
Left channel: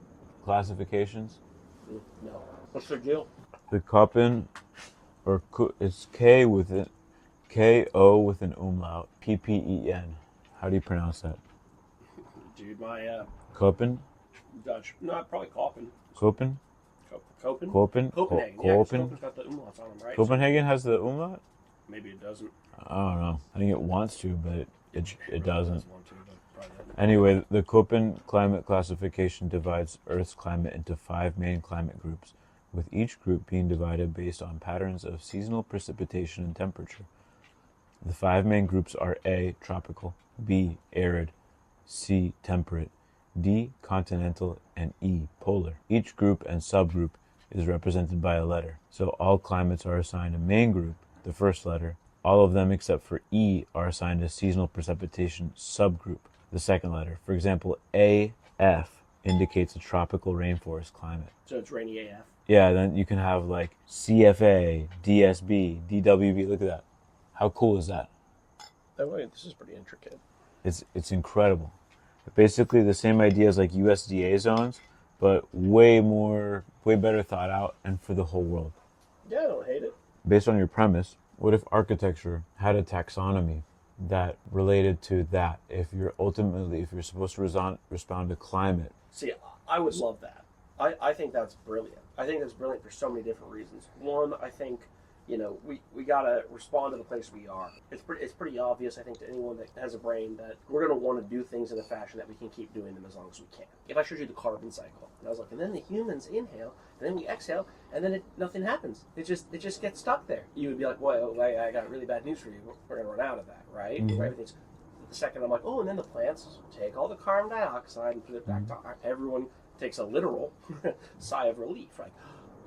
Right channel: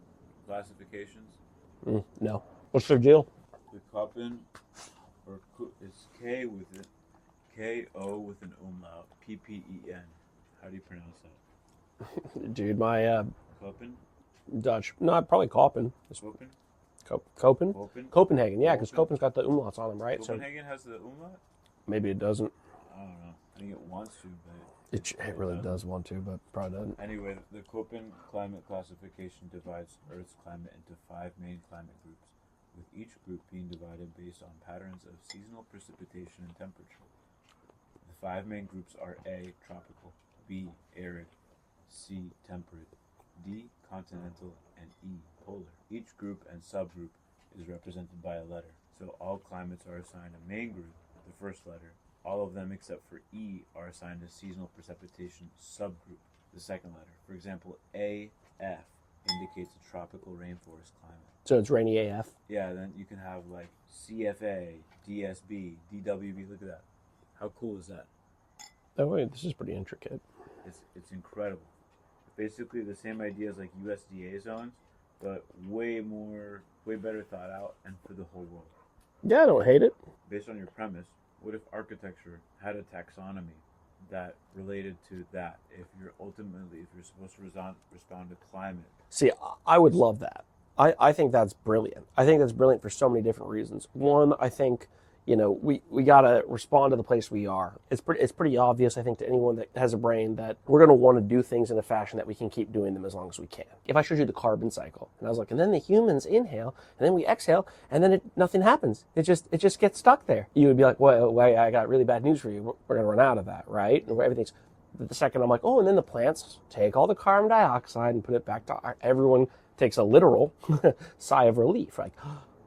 classifications? No. What's their deal? The Köppen, it's K-O with an umlaut, P-P-E-N. How do you pronounce that? Dude, my... Köppen? Dutch. No, probably Köppen. Köppen? Köppen? Copenhagen, yeah, because Köppen's got the umlauts on them, right? Copenhagen has the umlaut? Maybe it doesn't. I don't know. I think it wants to, but it really doesn't. Does want to, but probably doesn't. Anyway, the Köppen climate classification divides Earth's climate into 5 main climate groups, with each group being divided based on patterns of seasonal precipitation and temperature. The 5 main groups are A, tropical, B, arid, C, temperate, D, continental, and E, polar. Each group and subgroup is represented by a letter. So all climates are assigned a main group, the first letter. All of them except for E are assigned a seasonal precipitation subgroup, the second letter. For example, AF indicates a tropical rainforest climate. So it's rainy AF? Yeah, then you can have like CFA, DSB, DWB. Look at that. How cool is that? Oh wait, this is pretty intricate. It's incredible. Basically the same idea as like USDA zones, but way better thought out and for the whole world. Yeah, I don't hate it. Based on your premise, what if architecture had a taxonomy that related to that? If you're supposed to respond to climate. See, I would love that. I think that's brilliant. I think that's brilliant for so many different reasons. One, I think, we gotta respond to the place we are. It's pretty obvious, I think, to anyone that has a brain that we're gonna want to do things in a fashion that we can keep doing them as long as we can. If I showed you the carbon cycle, and I was like, and then the humans inhale, and then we exhale, and then nothing happens. It just gets stuck there. You would be like, well, wait, I got really bad news for you. We're gonna run out of that, right? Mm-hmm. Everything's. The second I'm like, oh, and then the plants take all the carbon dioxide and put it back to everyone takes a literal sigh of relief, like,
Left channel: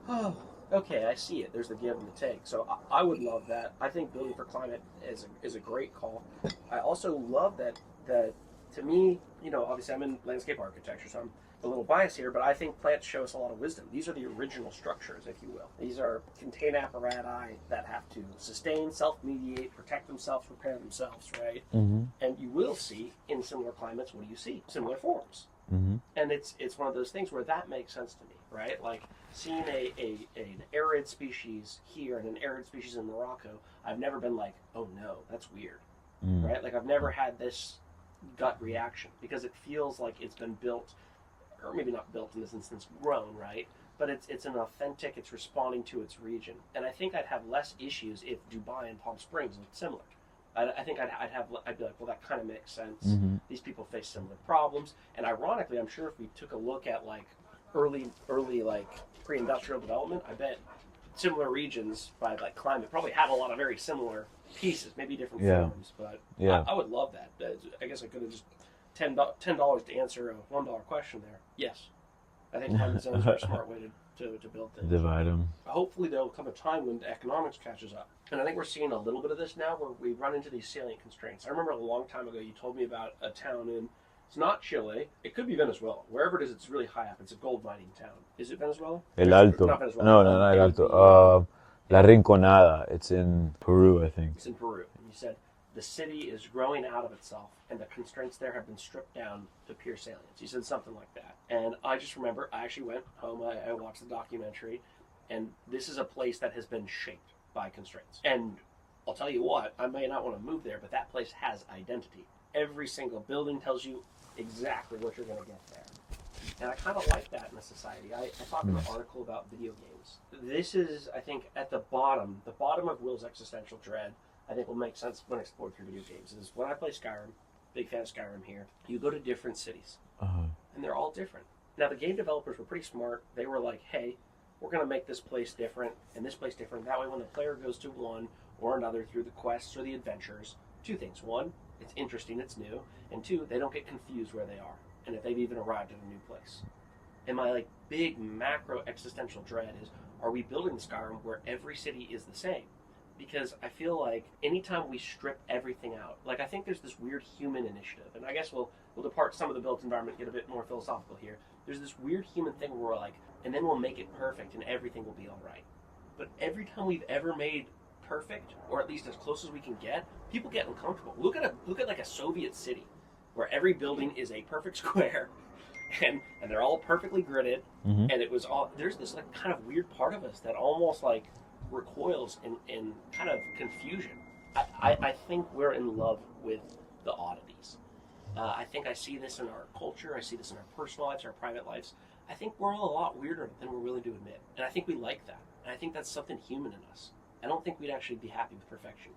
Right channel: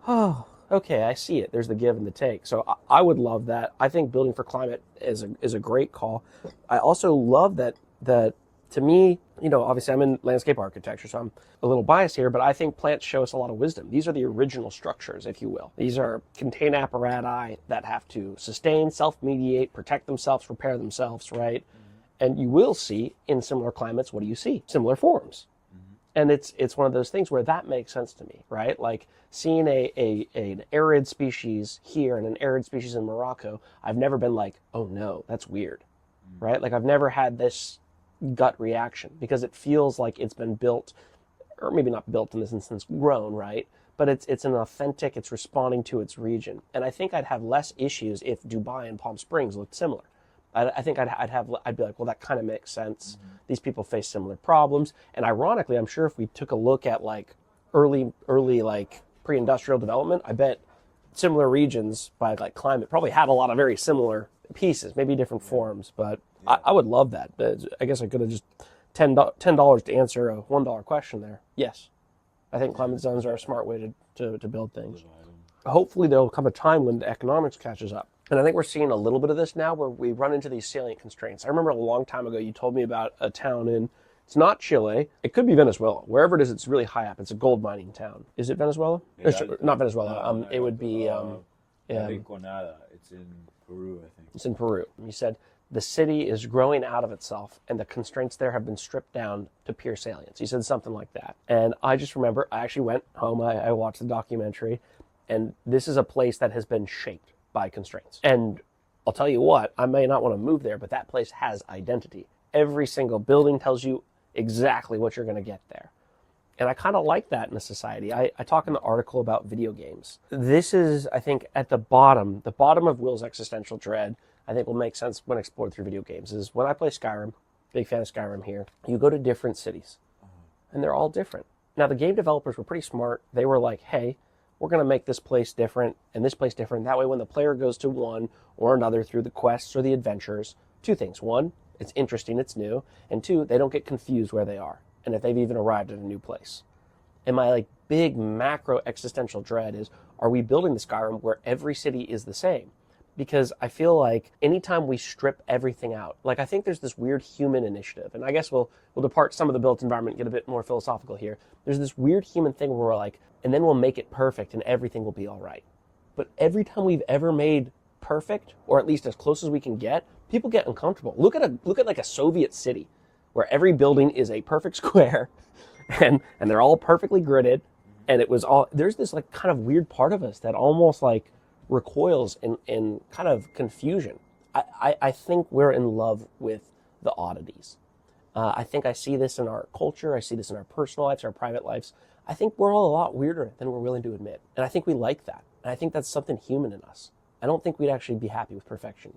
oh. Okay, I see it. There's the give and the take. So I would love that. I think building for climate is a great call. I also love that to me, obviously I'm in landscape architecture, so I'm a little biased here, but I think plants show us a lot of wisdom. These are the original structures, if you will. These are contained apparatus that have to sustain, self-mediate, protect themselves, repair themselves, right? Mm-hmm. And you will see in similar climates, what do you see? Similar forms. Mm-hmm. And it's one of those things where that makes sense to me, right? Like seeing an arid species here and an arid species in Morocco, I've never been like, oh no, that's weird, right? Like I've never had this gut reaction because it feels like it's been built, or maybe not built in this instance, grown, right? But it's an authentic, it's responding to its region. And I think I'd have less issues if Dubai and Palm Springs looked similar. I think I'd be like, well, that kind of makes sense. Mm-hmm. These people face similar problems. And ironically, I'm sure if we took a look at like early like pre-industrial development, I bet similar regions by like climate probably had a lot of very similar pieces, maybe different forms. But I would love that. I guess I could have just $10 to answer a $1 question there. Yes, I think climate zones are a smart way to build things. Divide them. Hopefully there'll come a time when the economics catches up. And I think we're seeing a little bit of this now where we run into these salient constraints. I remember a long time ago you told me about a town it's not Chile, it could be Venezuela. Wherever it is, it's really high up. It's a gold mining town. Is it Venezuela? El Alto. Not Venezuela. No, El Alto. La Rinconada. It's in Peru, I think. It's in Peru. You said the city is growing out of itself and the constraints there have been stripped down to pure salience. You said something like that. And I just remember, I actually went home, I watched the documentary, And this is a place that has been shaped by constraints. And I'll tell you what, I may not want to move there, but that place has identity. Every single building tells you exactly what you're going to get there. And I kind of like that in a society. I talk in the article about video games. This is, I think, at the bottom of Will's existential dread, I think will make sense when explored through video games, is when I play Skyrim, big fan of Skyrim here, you go to different cities, and they're all different. Now, the game developers were pretty smart. They were like, hey, we're going to make this place different and this place different. That way, when the player goes to one or another through the quests or the adventures, two things. One, it's interesting, it's new. And two, they don't get confused where they are and if they've even arrived at a new place. And my big macro existential dread is, are we building the Skyrim where every city is the same? Because I feel like anytime we strip everything out, I think there's this weird human initiative, and I guess we'll depart some of the built environment, get a bit more philosophical here. There's this weird human thing where we're like, and then we'll make it perfect and everything will be all right. But every time we've ever made perfect, or at least as close as we can get, people get uncomfortable. Look at a Soviet city where every building is a perfect square and they're all perfectly gridded, and it was all, there's this kind of weird part of us that almost recoils in kind of confusion. I think we're in love with the oddities. I think I see this in our culture. I see this in our personal lives, our private lives. I think we're all a lot weirder than we're willing to admit. And I think we like that. And I think that's something human in us. I don't think we'd actually be happy with perfection.